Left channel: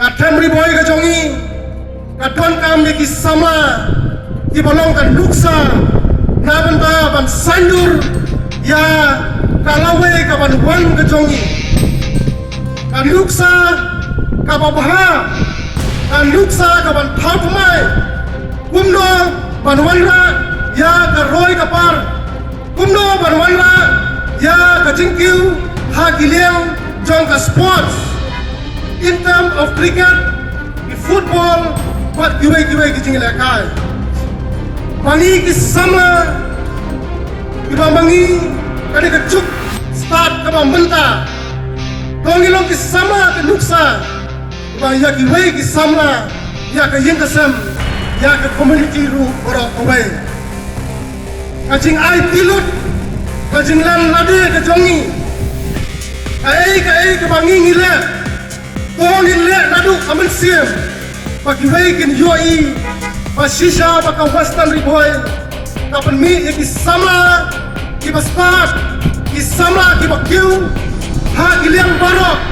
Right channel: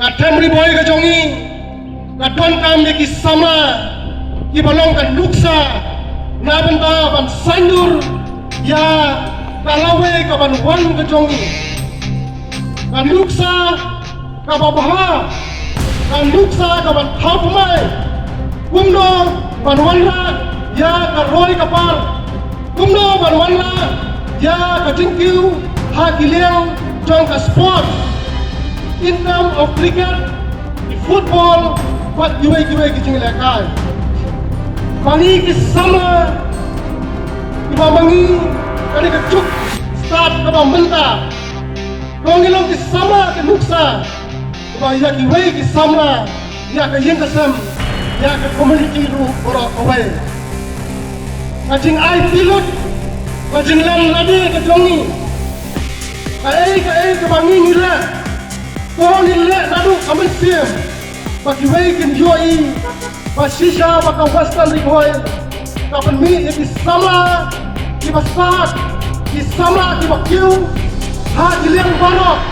Katem Bhoi ke jongi, ka Donkam ki Samla, ki balong ka Luksa, na benda ban Saindur, ya ka Lawei ka ban Wahlang ke jongi, ka Luksa ka Bhoi, ka Luksa ka ban Pyndaplang, kumno ban Wahlang, ya ka Roi ka par, kumno ban Wahlang, ya ka Jingkiu, ha Giliang, jong ka sports. In terms of cricket, the football, what giwai kicing lakai. Bangi ki Samla, iba bangi kani kecuk start kaba menta. Tongilong ki Samla ke Luksa, iba Iaki way ki Samla, Iaka yentasem, Iaka community ru ora away. Kacing ai tilut, kacing lan lade ke jongi. Kai ke bangi ngile. Kung nilai nadu aman siam, bagi waikin yoi, basisha baka Western Bhoi, kapan mi ki Samla, ki baspat, ki Samla ki bakiu, ha giliang barok,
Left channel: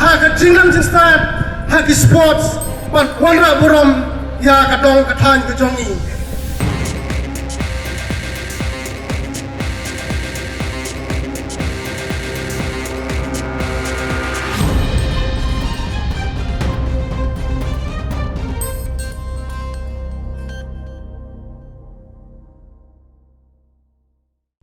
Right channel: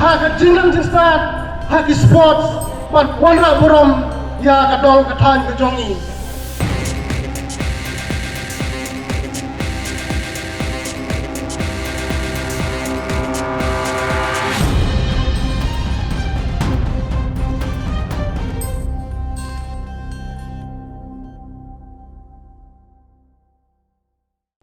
ha ke jinglang jingstat, ha ki sports, wan wanra burom ya kadong kathan ke jongi.